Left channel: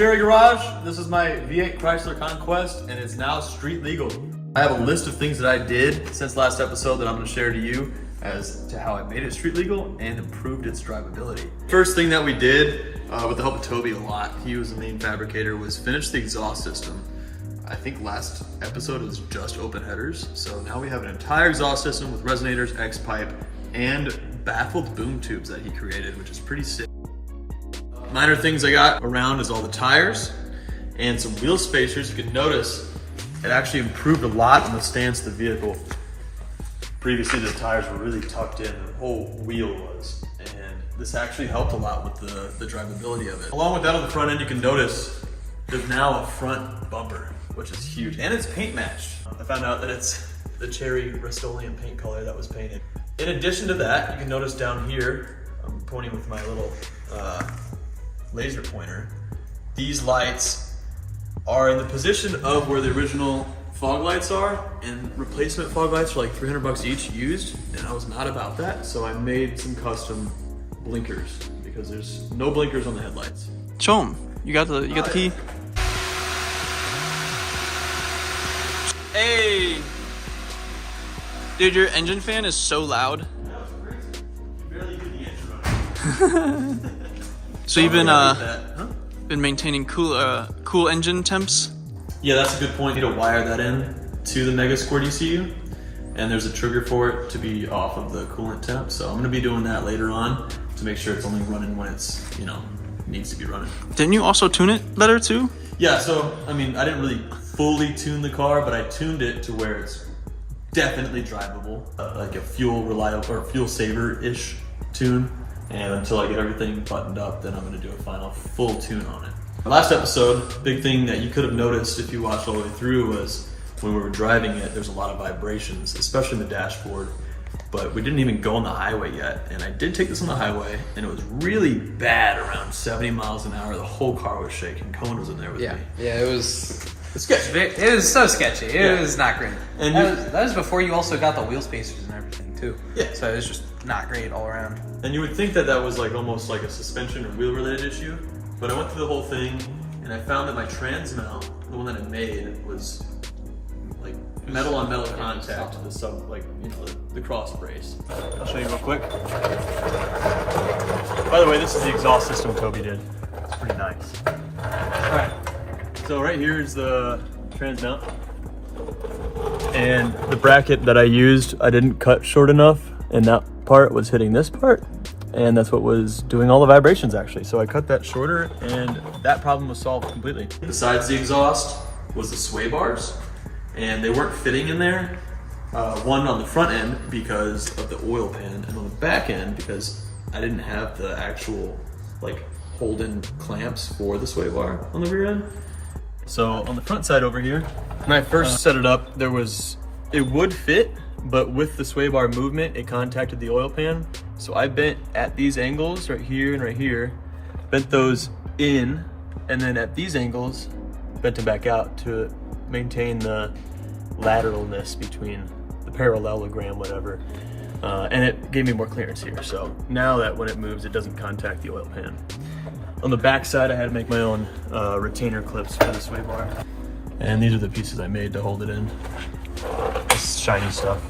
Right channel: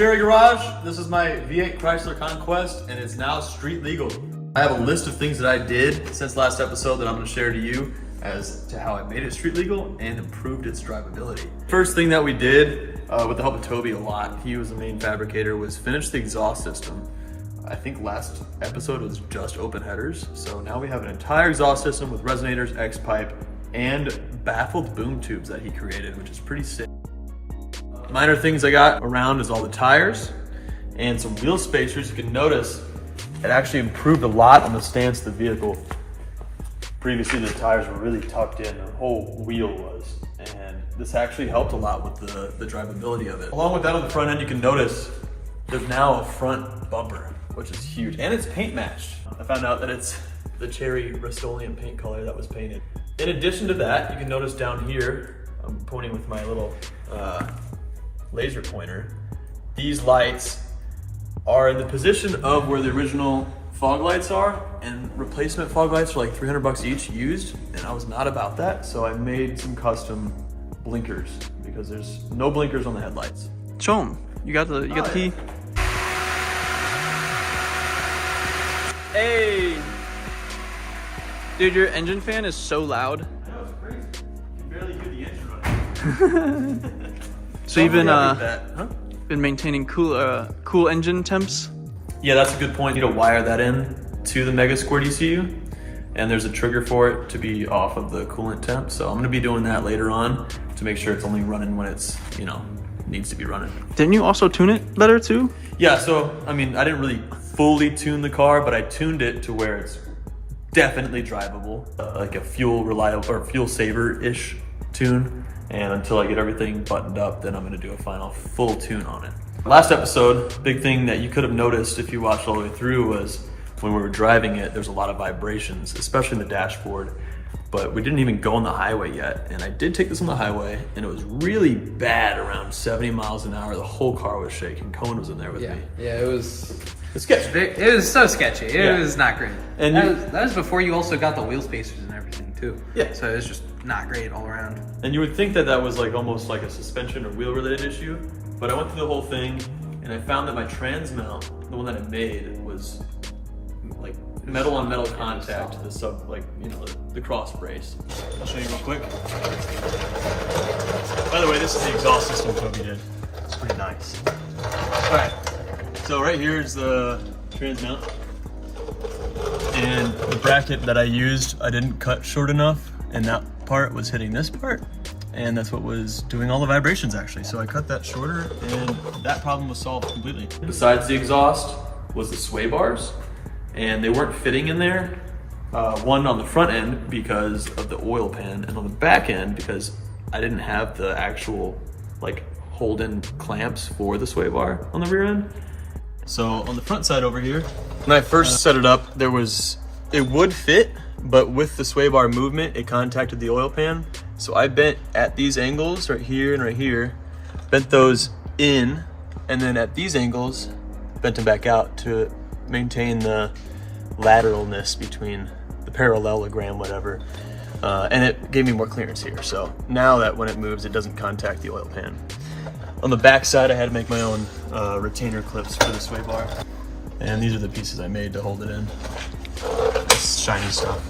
Cherry Garage. This is my V8 Chrysler Conquest, and it's now street legal. I have a list of things that I did since last episode that I'm gonna share to you as to how I made it street legal and improved its drivability. First thing that we did, with the help of Toby a lot, he was the main fabricator, was finish the exhaust system. I think last episode was just open headers, so now we have an entire exhaust system with resonators, X-pipe, and baffled boom tubes that he created, which is pretty sick. Minor things I got around is all the tires and some wheel spacers. You can notice it actually improved a lot in the stance of the vehicle. Previously the tires were really tucked in, the whole wheel was, and this actually helped a lot with the drivability of it. Along with that, on the front end, you can notice there's now a front bumper, which is huge, and it's paint matched. I found out that it's the cherry Rust-Oleum paint color that was painted. In addition to that, you can notice down here, I'm pointing with my little laser pointer, these lights are in the position of where the original fog lights are, and replacement fog lights are like 300 bucks each used, and I was not about that, so I made some custom blinkers because there's no blinkers on the headlights. Show them. You got the key. Hey, dude, your engine fan is so loud. That was crazy. You barely hear the engine running. So you've been maintaining cool engine temps? Yeah, that's a good point. You need to wire that in to the Mega Squirt ECU, and there's a trigger for it to be off of the coolant temp. So I'm gonna be doing that later on to make sure it's only running when it's, needs to be running. Didn't you also tune it better too? Yeah, so, I mean, I didn't really fully tune the car, but I tuned it to where it's definitely drivable, like a fuel reliable or fuel saver-ish tune. And until I get everything buttoned up, then I'm gonna do a final full tune on it. Last episode, big thing that you could have noticed if you watched all the way through was when we were driving it, there's a lot of vibrations, especially in the dashboard, but we didn't even go on the highway yet. And I did take this on the highway, and it was really bad around 70 miles an hour. The whole car was shaking. Cohen was in there with me. Yeah, it was... It's sketchy. It was so sketchy. It was not great. And that was before you also got the wheel spacers and everything too. Yeah. So it was just not great all around. And you would think that that was like almost like a suspension or wheel related issue, but I went through the whole thing and I found that my trans mount, the one that I made, was like metal on metal contact, the cross brace. I'll show you real quick. By the way, this is the exhaust system Toby did. It's pretty nice. All right, so right here is the trans mount. And the bracket that I used, I didn't cut short enough, and that part was hitting this part, and that's what was doing all the vibrations actually. So I cut that shorter, and that problem was solved completely. Besides the exhaust was the sway bars, and they weren't fitting in there. One on the front end because of the oil pan, and on the back end because I didn't have the actual hold-in clamps for the sway bar on the rear end. So on the front side over here, when I first set it up, it would fit, but with the sway bar movement, it contacted the oil pan. So I bent at these angles right here and right here, bent those in, and then at these angles, bent them back out to maintain the lateralness between the parallelogram, whatever. And it gave me more clearance here. So now that when it moves, it doesn't contact the oil pan. On the back side, I had to make my own retainer clips for the sway bar. And these are the pieces I made to hold it in. This shiny stuff.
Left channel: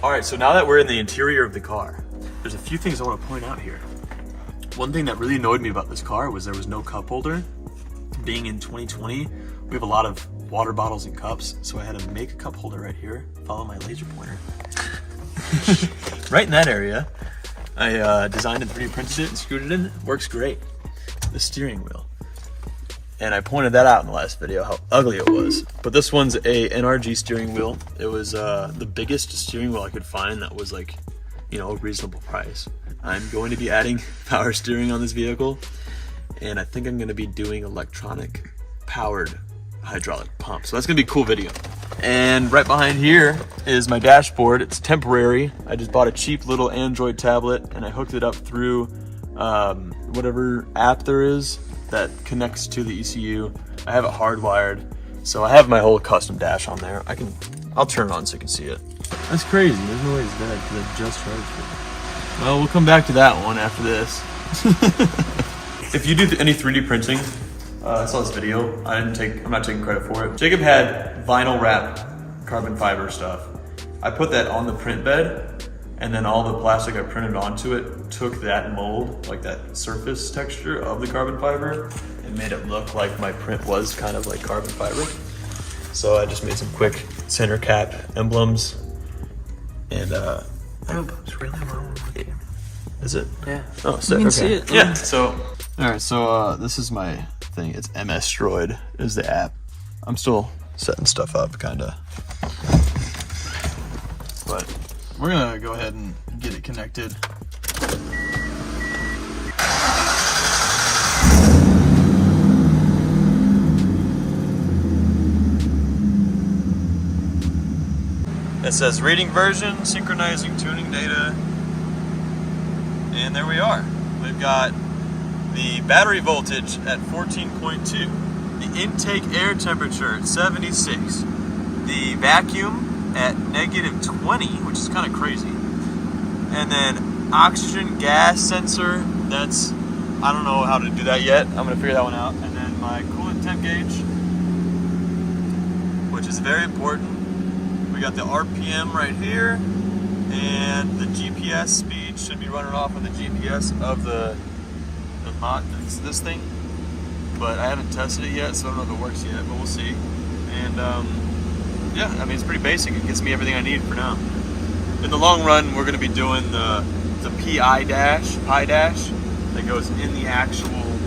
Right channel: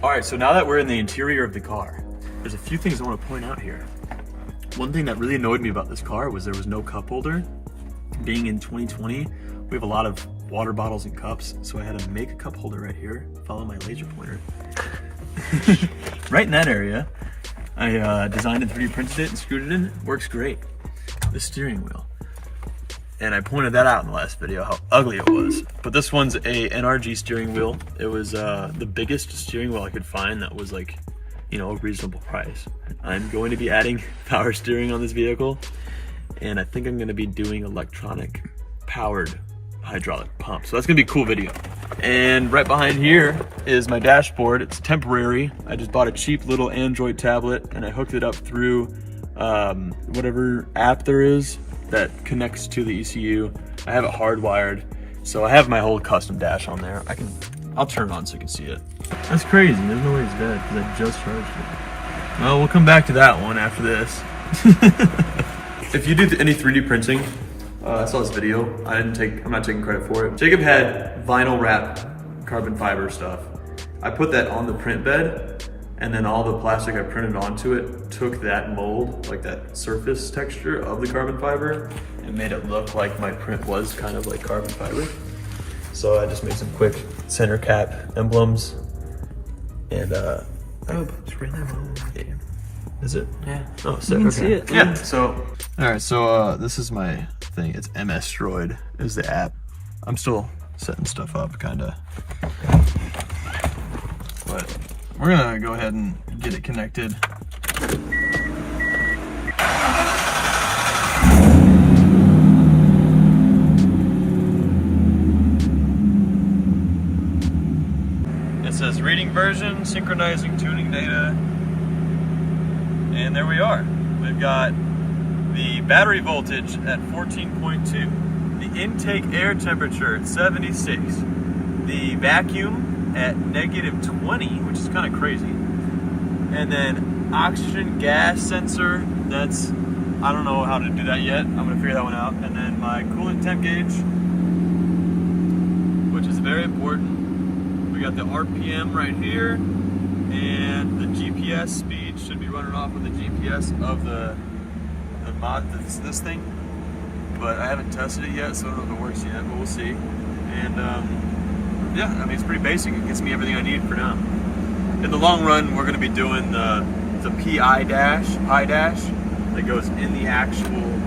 All right, so now that we're in the interior of the car, there's a few things I want to point out here. One thing that really annoyed me about this car was there was no cup holder. Being in 2020, we have a lot of water bottles and cups, so I had to make a cup holder right here, follow my laser pointer. Right in that area, I designed and 3D printed it and screwed it in. It works great. The steering wheel. And I pointed that out in the last video, how ugly it was. But this one's a NRG steering wheel. It was the biggest steering wheel I could find that was a reasonable price. I'm going to be adding power steering on this vehicle, and I think I'm going to be doing electronic powered hydraulic pump. So that's gonna be a cool video. And right behind here is my dashboard. It's temporary. I just bought a cheap little Android tablet and I hooked it up through whatever app there is that connects to the ECU. I have it hardwired. So I have my whole custom dash on there. I'll turn it on so you can see it. That's crazy. There's no way it's dead because I just charged it. Well, we'll come back to that one after this. If you do any 3D printing, I saw this video. I'm not taking credit for it. Jacob had vinyl wrap carbon fiber stuff. I put that on the print bed, and then all the plastic I printed onto it took that mold, like that surface texture of the carbon fiber, and made it look like my print was kind of like carbon fiber. So I just made some quick center cap emblems, and It's really low. is it? Yeah. Oh, sick. You can see it. Yeah. So, all right. So this is my thing. It's MS Droid is the app. I'm still setting stuff up, kind of. But we're gonna go ahead and get it connected. It says reading version, synchronizing tuning data, and there we are. We've got the battery voltage at 14.2, the intake air temperature at 76, the vacuum at -20, which is kind of crazy, and then oxygen gas sensor, that's, I don't know how to do that yet, I'm gonna figure that one out, and then my coolant temp gauge, which is very important. We got the RPM right here, and the GPS speed should be running off on the GPS of the mod, this thing. But I haven't tested it yet, so I don't know if it works yet, but we'll see. And yeah, I mean, it's pretty basic. It gives me everything I need for now. In the long run, we're going to be doing the PI dash that goes in the actual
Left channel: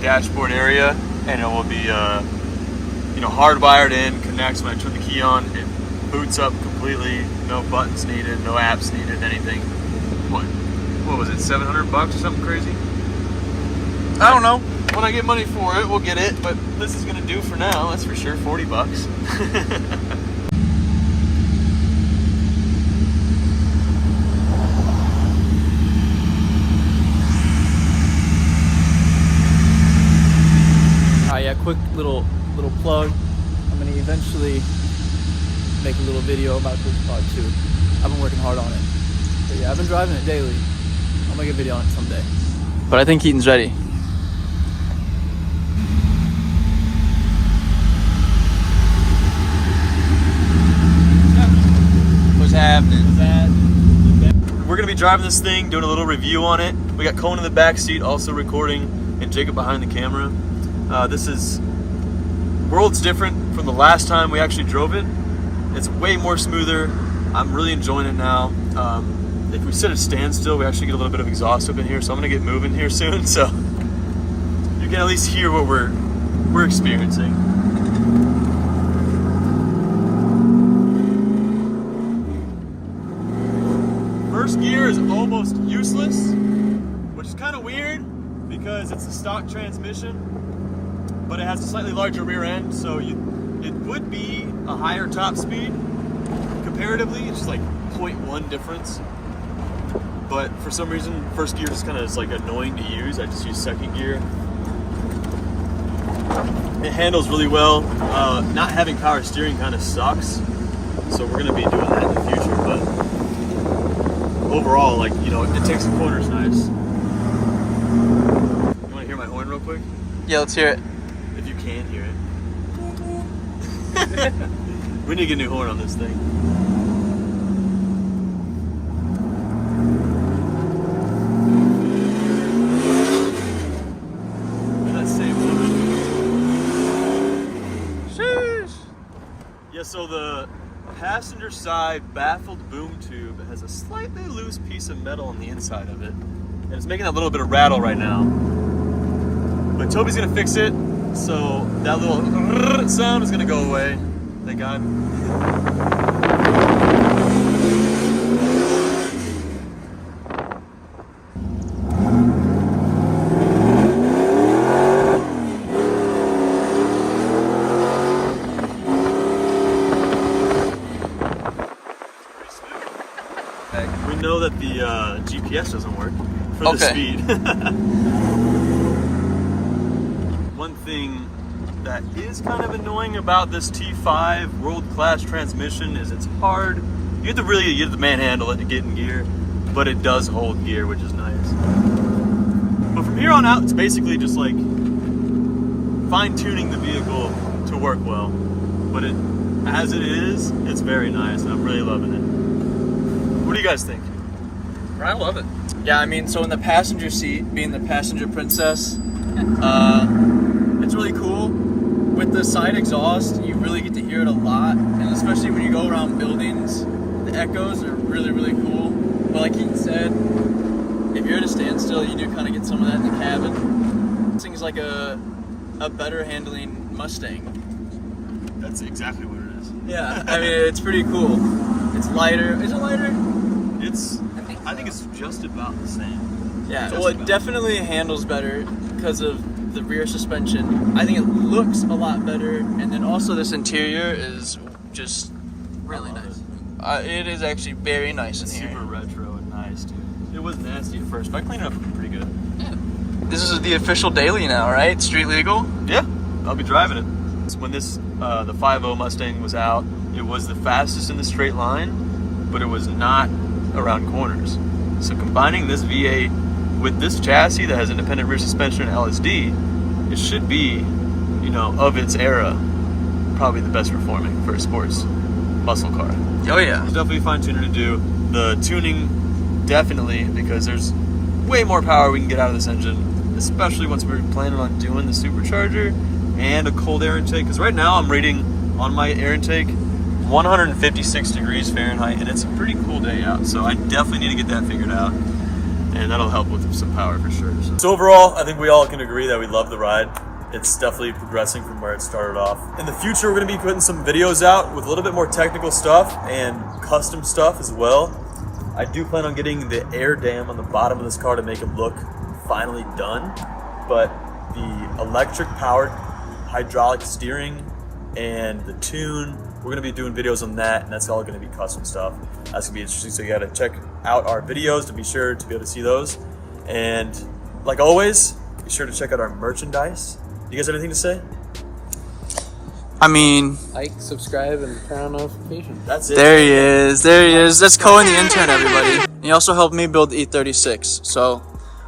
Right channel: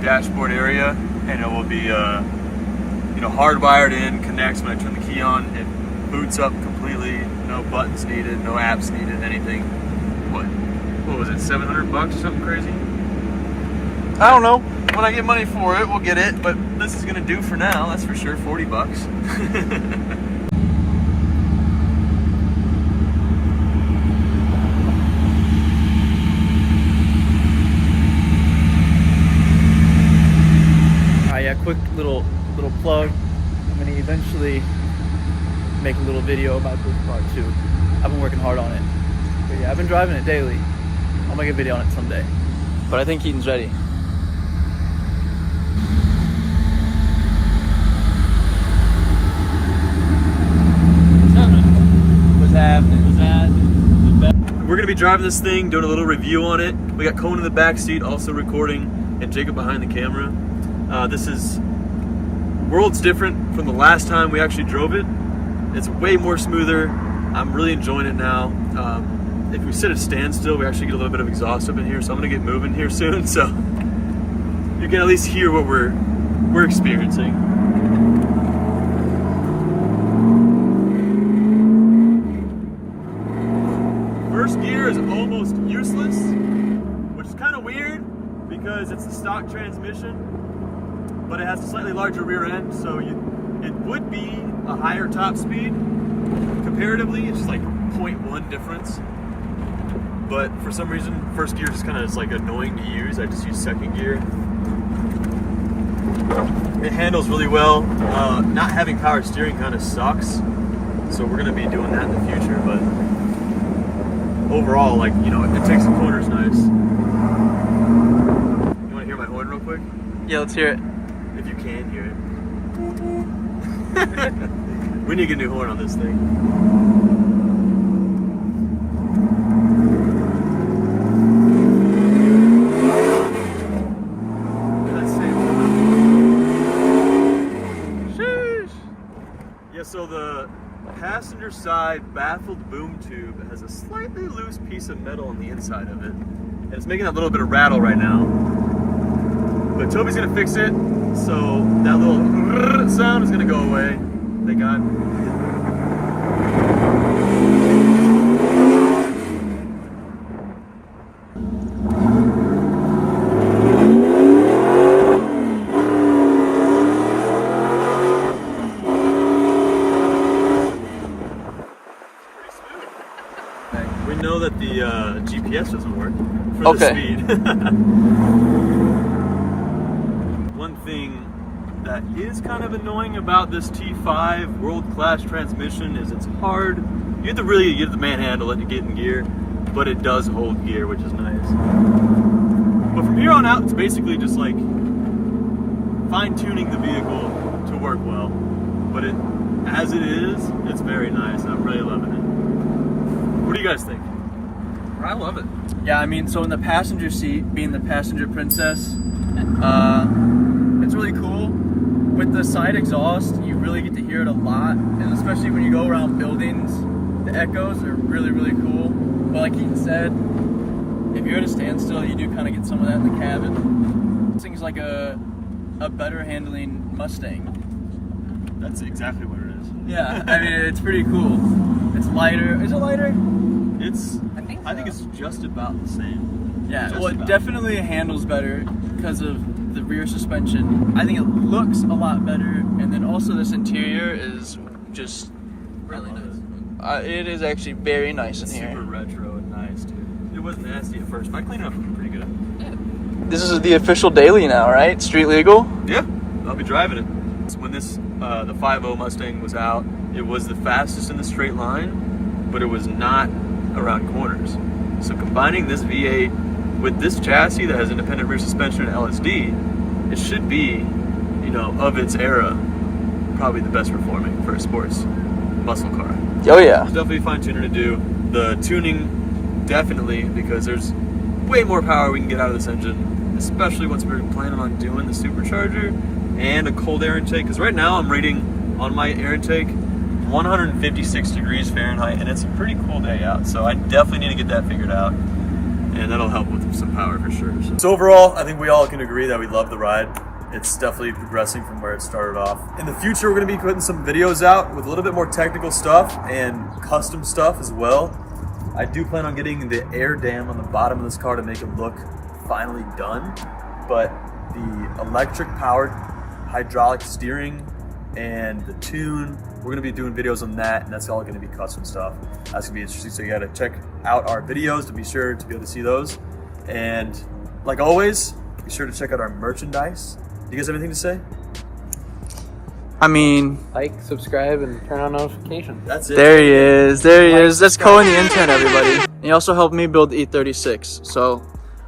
dashboard area, and it will be you know, hardwired in, connects when I turn the key on, it boots up completely, no buttons needed, no apps needed, anything. What was it, $700 or something crazy? I don't know. When I get money for it, we'll get it, but this is gonna do for now, that's for sure, $40. Yeah, quick little plug. I'm gonna eventually make a little video about this car too. I've been working hard on it. But yeah, I've been driving it daily. I'll make a video on it someday. But I think Keaton's ready. What's happening? We're gonna be driving this thing, doing a little review on it. We got Cohen in the back seat, also recording, and Jacob behind the camera. This is worlds different from the last time we actually drove it. It's way more smoother. I'm really enjoying it now. If we sit at standstill, we actually get a little bit of exhaust up in here, so I'm gonna get moving here soon, so you can at least hear what we're experiencing. First gear is almost useless, which is kind of weird because it's a stock transmission, but it has a slightly larger rear end, so it would be a higher top speed comparatively. It's just like 0.1 difference, but for some reason first gear just kind of is like annoying to use. I just use second gear. It handles really well. Not having power steering kind of sucks, so we're gonna be doing that in the future, but overall, like, you know, it takes the corners nice. You want to hear my horn real quick? Yeah, let's hear it. If you can hear it. We need to get a new horn on this thing. Get that same horn. Sheesh. Yeah, so the passenger side baffled boom tube has a slightly loose piece of metal on the inside of it, and it's making a little bit of rattle right now. But Toby's gonna fix it, so that little sound is gonna go away. Thank God. We know that the GPS doesn't work for the speed. One thing that is kind of annoying about this T5 world-class transmission is it's hard. You have to really use the manhandle to get in gear. but it does hold gear, which is nice. But from here on out, it's basically just like fine-tuning the vehicle to work well. But as it is, it's very nice, and I'm really loving it. What do you guys think? I love it. Yeah, I mean, so in the passenger seat, being the passenger princess, it's really cool. With the side exhaust, you really get to hear it a lot, and especially when you go around buildings, the echoes are really, really cool. But like Keaton said, if you're at a standstill, you do kind of get some of that in the cabin. This thing's like a better handling Mustang. That's exactly what it is. Yeah, I mean, it's pretty cool. It's lighter. Is it lighter? I think it's just about the same. Yeah, Just well, it about. definitely handles better because of the rear suspension. I think it looks a lot better, and then also this interior is just really nice. It is actually very nice in here. Super retro and nice, dude. It was nasty at first, but I cleaned it up pretty good. This is the official daily now, right? Street legal? Yeah, I'll be driving it. When this, the 5.0 Mustang was out, it was the fastest in the straight line, but it was not around corners. So combining this V8 with this chassis that has independent rear suspension and LSD, it should be, you know, of its era, probably the best performing for a sports muscle car. Oh yeah. There's definitely fine tuning to do. The tuning, definitely, because there's way more power we can get out of this engine, especially once we're planning on doing the supercharger and a cold air intake. Because right now I'm reading on my air intake 156 degrees Fahrenheit, and it's a pretty cool day out. So I definitely need to get that figured out, and that'll help with some power for sure. So overall, I think we all can agree that we love the ride. It's definitely progressing from where it started off. In the future, we're gonna be putting some videos out with a little bit more technical stuff and custom stuff as well. I do plan on getting the air dam on the bottom of this car to make it look finally done, but the electric powered hydraulic steering and the tune, we're gonna be doing videos on that, and that's all gonna be custom stuff. That's gonna be interesting, so you gotta check out our videos to be sure to be able to see those. And like always, be sure to check out our merchandise. You guys have anything to say? I mean, Like, subscribe, and turn on notifications. That's it. there he is. There he is. That's Cohen the intern, everybody. And he also helped me build the E36. So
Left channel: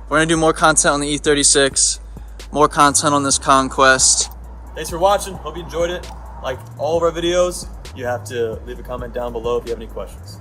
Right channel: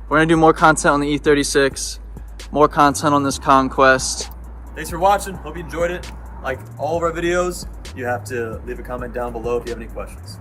we're gonna do more content on the E36, more content on this Conquest. Thanks for watching. Hope you enjoyed it. Like all of our videos, you have to leave a comment down below if you have any questions.